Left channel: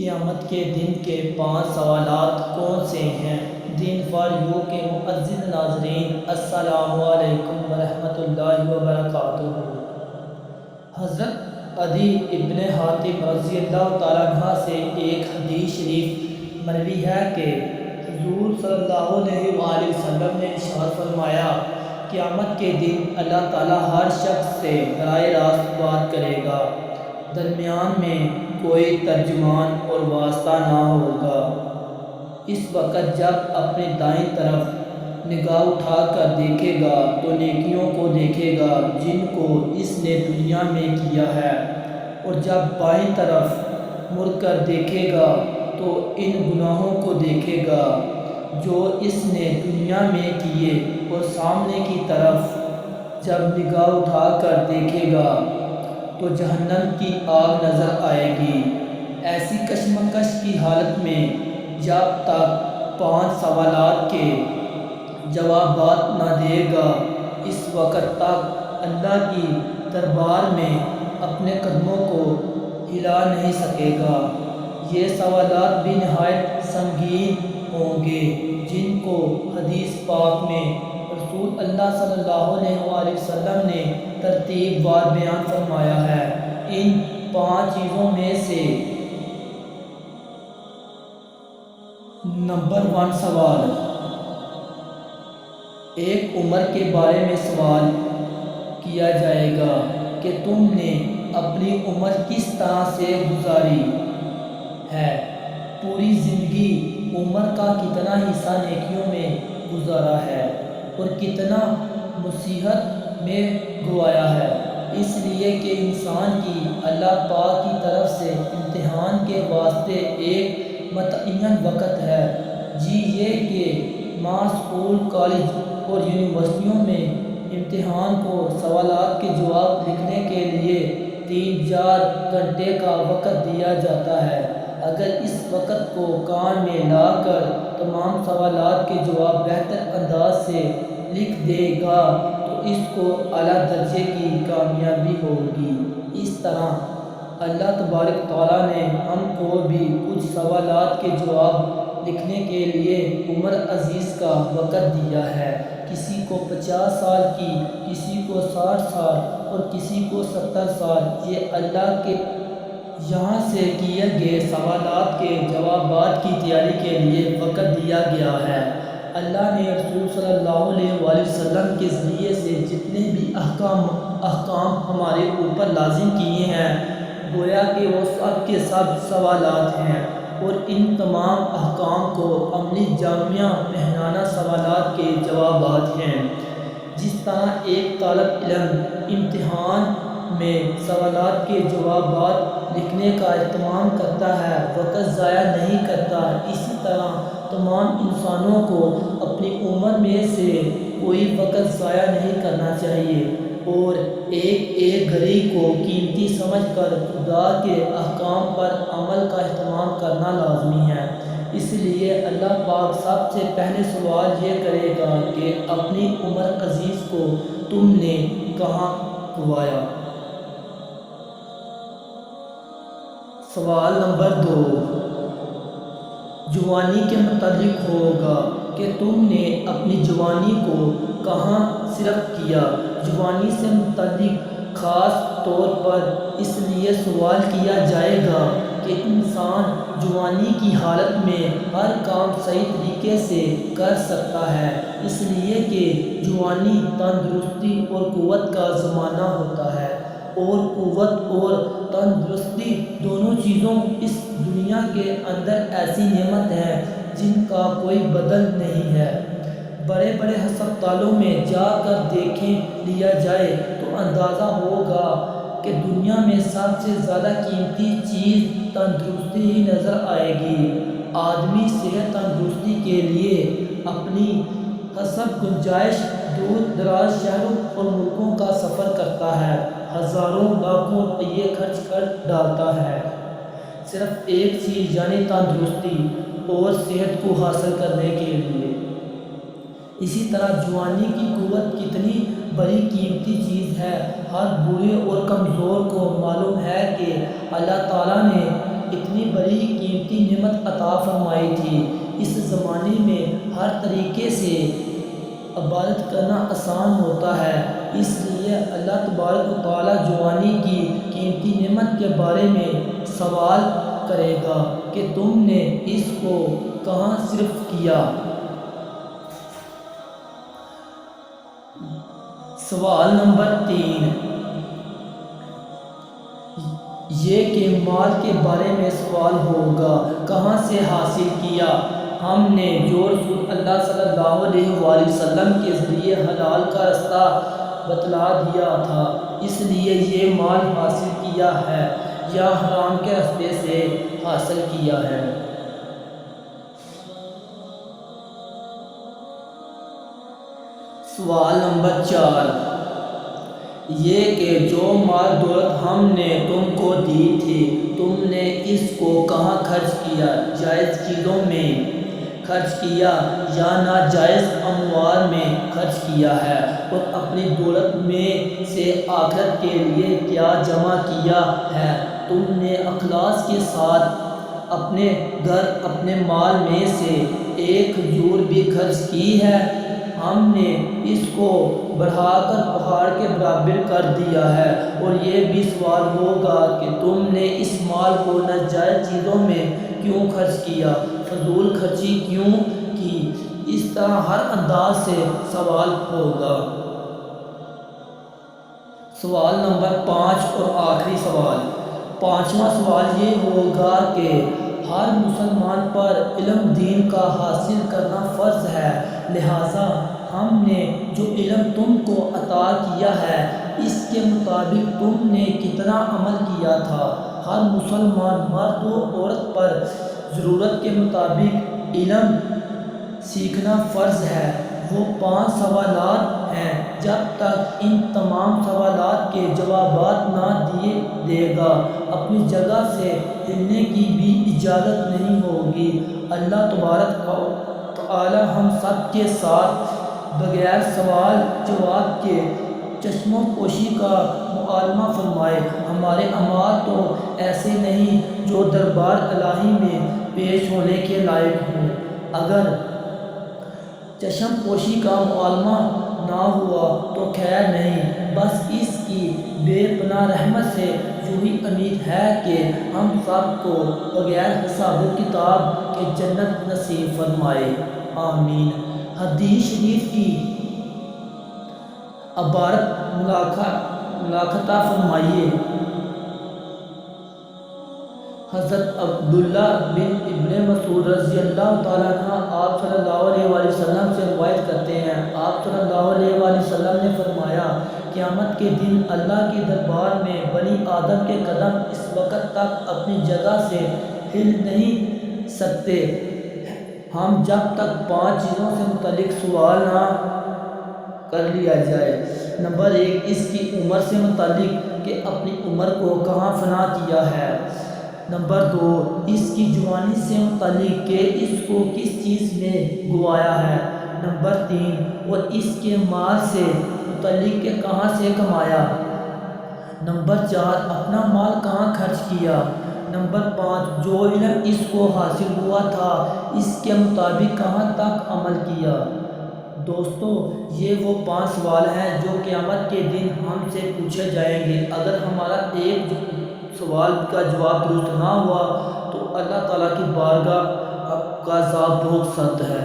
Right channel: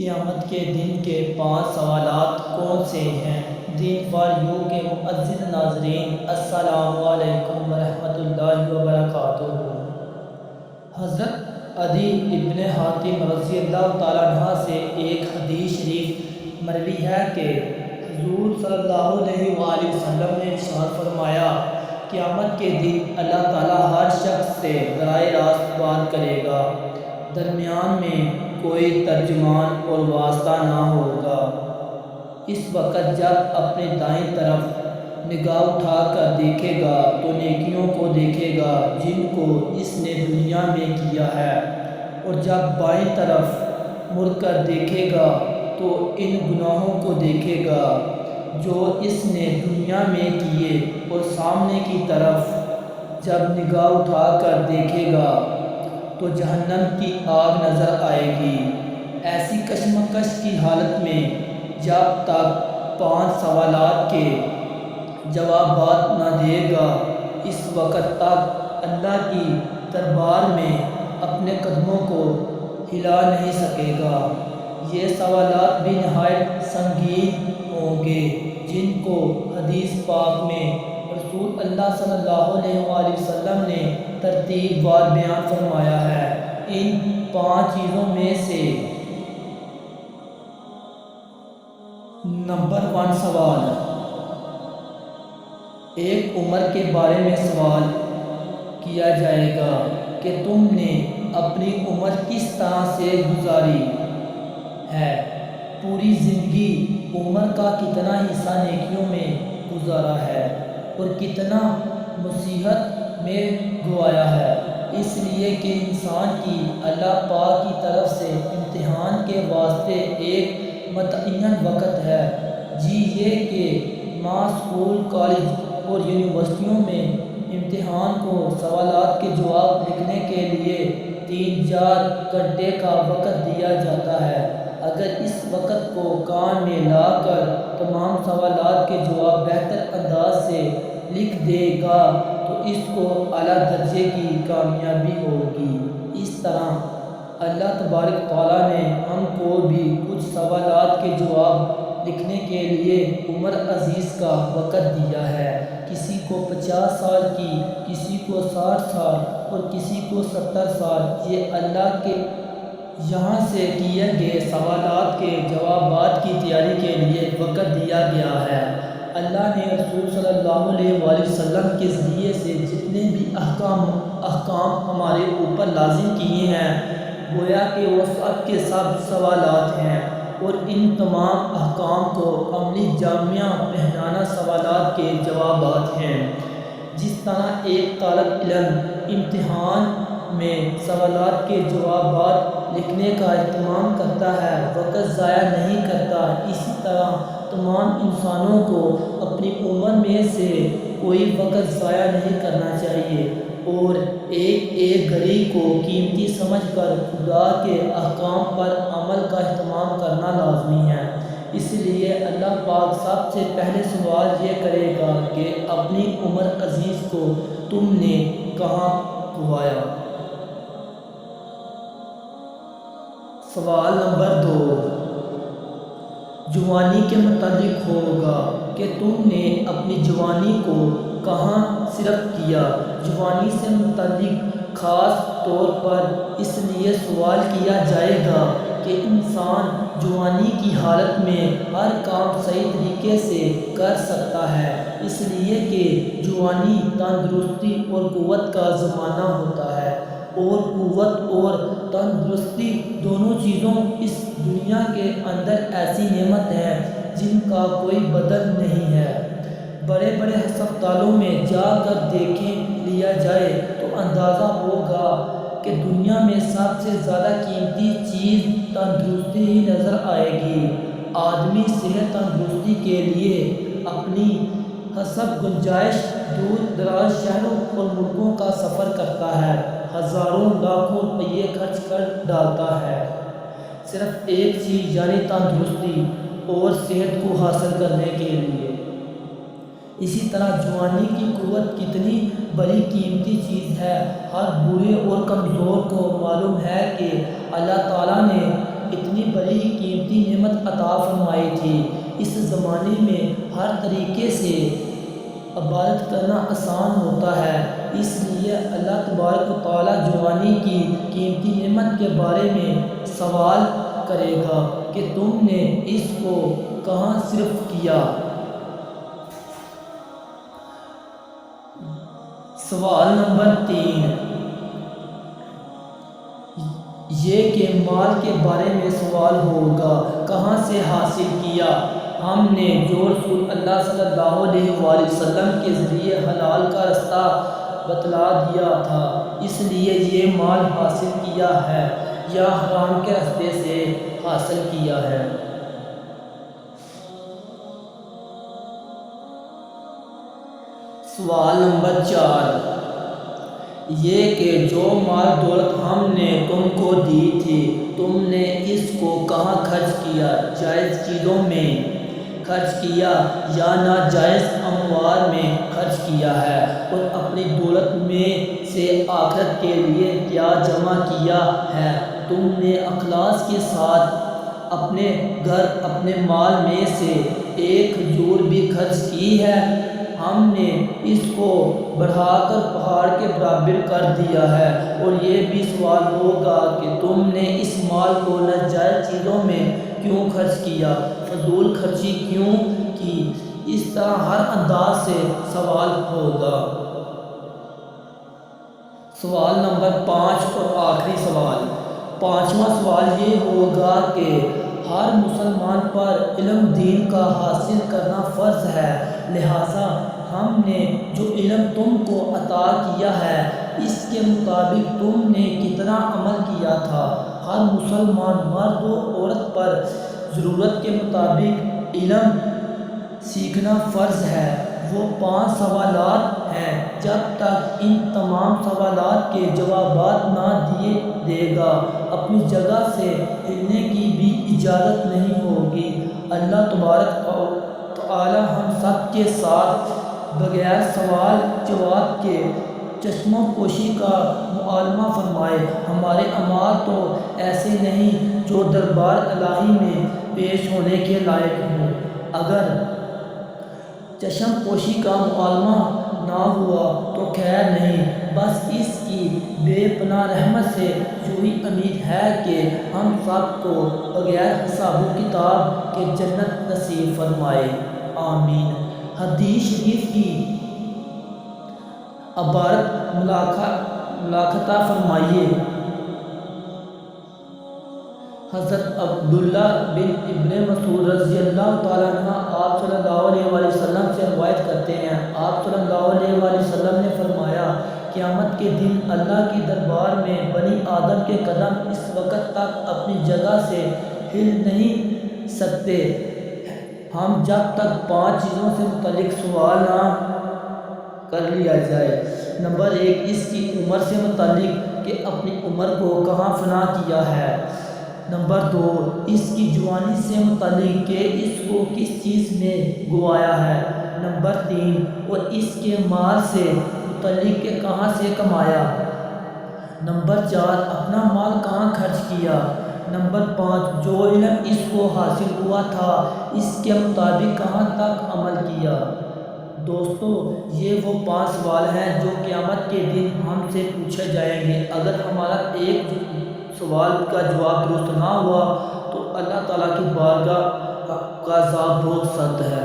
قیامت کے دن کے 5 سوالات کون سے ہیں؟ دین فار یو کے معزز ناظرین، السلام علیکم ورحمۃ اللہ وبرکاتہ۔ حضرت عدی ابن حاتم رضی اللہ تعالیٰ عنہ سے ایک حدیث شریف مروی ہے کہ حضور صلی اللہ علیہ وآلہ وسلم نے ارشاد فرمایا، قیامت کے دن اللہ تعالیٰ ہر شخص سے براہ راست بات کرے گا، درمیان میں کوئی ترجمان اور واسطہ نہ ہوگا۔ اس وقت جب اپنے دائیں طرف نگاہ اٹھا کر دیکھے گا تو نیکیوں کو دیکھے گا جن کو اس نے دنیا میں کیا ہے، اور جب بائیں طرف مڑ کر دیکھے گا تو ان گناہوں کو دیکھے گا جو اس نے دنیا میں کیے، اور سامنے کی طرف جب نگاہ اٹھا کر دیکھے گا تو جہنم کی آگ نظر آئے گی۔ ایسی کشمکش کی حالت میں جب تک 5 سوالات کے جوابات نہ دے گا، اس وقت تک اللہ کی دربار میں اپنے قدموں کو ہلا نہیں سکے گا۔ یہ سوالات بھی نہایت سنگین ہوں گے جن کو حدیث پاک میں رسول اللہ صلی اللہ علیہ وآلہ وسلم نے ترتیب وار بیان فرمایا ہے۔ ان 5 چیزوں میں سے نمبر 1 سوال، ایک عمر کے بارے میں سوال کیا جائے گا کہ تم نے اپنی عمر کس طرح سے گزاری ہے، پوری زندگی عمر کا کتنا حصہ نیکیوں میں گزارا ہے اور کتنا معصیت میں گوایا ہے۔ اس لیے کہ انسان کی اللہ پاک کی طرف سے امتحان کے واسطے ایک متعین وقت ہے۔ یہ کہ ماں اسکول، کالج اور یونیورسٹیوں میں امتحان کو سوالات کے جواب لکھنے کے لیے 3-4 گھنٹے کا وقت دیا جاتا ہے۔ اگر اس وقت کو کام میں لا کر تمام سوالات کے جواب بہتر انداز سے لکھ دے گا تو اس کو اعلیٰ درجے کی کامیابی ہوگی۔ اس طرح اللہ تبارک تعالیٰ نے ہم کو بھی کچھ سوالات کے جواب لکھنے کے لیے عمر عزیز کا وقت دیا ہے۔ کسی کو 50 سال کی، کسی کو 60 سال اور کسی کو 70 سال۔ یہ اللہ کے یہاں سے کیے گئے سوالات کے جوابات کی تیاری کے لیے وقت دیا گیا ہے۔ اللہ نے رسول صلی اللہ علیہ وآلہ وسلم کے ذریعے سے جتنے بھی احکام ہمارے اوپر لازم کیے ہیں، گویا کہ وہ سب کے سب سوالات ہیں، اور ان تمام احکام کو عملی جامہ پہنانا سوالات کے جوابات ہیں۔ جس طرح ایک طالب علم امتحان میں سوالات کے جوابات لکھنے کا اہتمام کرتا ہے، وقت ضائع نہیں کرتا، اسی طرح تمام انسانوں کو اپنی عمر میں سے کوئی وقت ضائع نہیں کرنا چاہیے، اور ایک گھڑی کو قیمتی سمجھ کر خدا کے احکام پر عمل کا اہتمام کرنا لازمی ہے۔ اس لیے اللہ پاک سب سے پہلے سوال یہ کرے گا کہ اپنی عمر عزیز کو تم نے کہاں گوایا۔ سوال نمبر 2 جوانی کے متعلق ہوگا کہ تم نے اپنی جوانی کو کہاں صرف کیا۔ جوانی سے متعلق خاص طور پر اس لیے سوال کیا جائے گا کہ انسان جوانی کی حالت میں ہر کام صحیح طریقے سے کر سکتا ہے، اس لیے کہ جوانی تندرستی اور قوت کا زمانہ ہوتا ہے، اور قوت اور تندرستی دونوں چیزوں اس دنیا کے اندر ایسی نعمت ہیں جن کا کوئی بدل نہیں ہے۔ بڑے بڑے ہسپتالوں میں جا کر دیکھ لیا جائے تو اندازہ ہوگا کہ دنیا میں سب سے زیادہ قیمتی چیز تندرستی ہی نظر آئے گی۔ آدمی صحت تندرستی کے لیے اپنی حسب گنجائش دور دراز شہروں اور ملکوں کا سفر کرتا ہے، ہزاروں لاکھوں روپے خرچ کر ڈالتا ہے، صرف ایک چیز یعنی تندرستی اور صحت کو حاصل کرنے کے لیے۔ اسی طرح جوانی کی قوت کتنی بڑی قیمتی چیز ہے۔ ہر بوڑھے اور کمزور کو معلوم ہے کہ اللہ تعالیٰ نے اتنی بڑی قیمتی نعمت عطا فرمائی تھی۔ اس زمانے میں ہر طریقے سے عبادت کرنا آسان ہوتا ہے، اس لیے اللہ تبارک و تعالیٰ جوانی کی قیمتی نعمت کے بارے میں سوال کرے گا کہ تم نے اس کو کہاں صرف کیا۔ سوال نمبر 3 یہ کہ مال کے بارے میں سوال ہوگا، کہاں سے حاصل کیا؟ ہم نے جو رسول اللہ صلی اللہ علیہ وآلہ وسلم کے ذریعے حلال کا راستہ بتلا دیا تھا، اس لیے یہ مال حاصل کیا ہے یا حرام کے راستے سے حاصل کیا ہے؟ سوال نمبر 4 یہ کہ جو مال دولت ہم نے تم کو دی تھی، تم نے اس کو کہاں خرچ کیا؟ جائز چیزوں میں خرچ کیا یا ناجائز اموال میں خرچ کیا ہے؟ اور اپنی دولت میں سے آخرت کے لیے کیا جمع کیا ہے؟ تم نے اخلاص کے ساتھ اپنے گھر اپنے مال میں سے ایک کھجور بھی خرچ کی ہے؟ ہم نے اس کو بڑھا کر پہاڑ کے برابر کر دیا ہے۔ اور یہ بھی سوال ہوگا کہ تم نے اس مال کو ناجائز چیزوں میں کیوں خرچ کیا، فضول خرچی کیوں کی؟ اس طرح ہر انداز سے سوال ہوگا۔ سوال نمبر 5 اور آخری سوال، 5واں سوال یہ ہوگا کہ ہر مسلمان پر علم دین کا حاصل کرنا فرض ہے، لہٰذا ہم نے جو علم تم کو عطا کیا ہے اس کے مطابق تم نے کتنا عمل کیا تھا؟ ہر مسلمان مرد و عورت پر ضرورت کے مطابق علم سیکھنا فرض ہے۔ وہ 5 سوالات ہیں، جب تک ان تمام سوالات کے جوابات نہ دے گا اپنی جگہ سے ہلنے کی بھی اجازت نہیں ہوگی۔ اللہ تبارک و تعالی ہم سب کے ساتھ بغیر سوال جواب کے چشموں پوشی کا معاملہ فرمائے۔ ہمارے اعمال تو ایسے نہیں جو دربار الہی میں پیش ہونے کے لائق ہوں۔ اگر چشم پوشی کا معاملہ نہ ہوا تو خیر نہیں، بس اس کی بے پناہ رحمت سے یہی امید ہے کہ ہم سب کو بغیر حساب و کتاب کے جنت نصیب فرمائے، آمین۔ حدیث شریف کی عبارت ملاحظہ فرمائیے۔ حضرت عبداللہ بن ابن مسعود رضی اللہ تعالیٰ عنہ آپ صلی اللہ علیہ وآلہ وسلم سے روایت کرتے ہیں، آپ صلی اللہ علیہ وآلہ وسلم نے فرمایا، قیامت کے دن اللہ کی دربار میں بنی آدم کے قدم اس وقت تک اپنی جگہ سے ہل نہیں سکتے ہم جب تک 5 چیزوں سے متعلق سوال نہ کر لیا جائے۔ نمبر 1 اس کی عمر سے متعلق کہ اپنی عمر کو کہاں فنا کیا ہے۔ نمبر 2 اس کی جوانی سے متعلق کہ اس کو کس چیز میں گوایا ہے۔ نمبر 3 اور اس کے مال سے متعلق کہ کہاں سے کمایا۔ نمبر 4 اپنا مال کہاں خرچ کیا۔ نمبر 5 جو علم اس کو حاصل ہوا تھا اس کے مطابق کہاں تک عمل کیا۔ دوستو یہ وہ 5 سوال ہیں جو قیامت کے دن ہم سے پوچھے جائیں گے۔ اگر ہمارا ایک سوال کا جواب درست نہ ہوا تو اللہ تعالیٰ کی بارگاہ کا عذاب بہت سخت ہے۔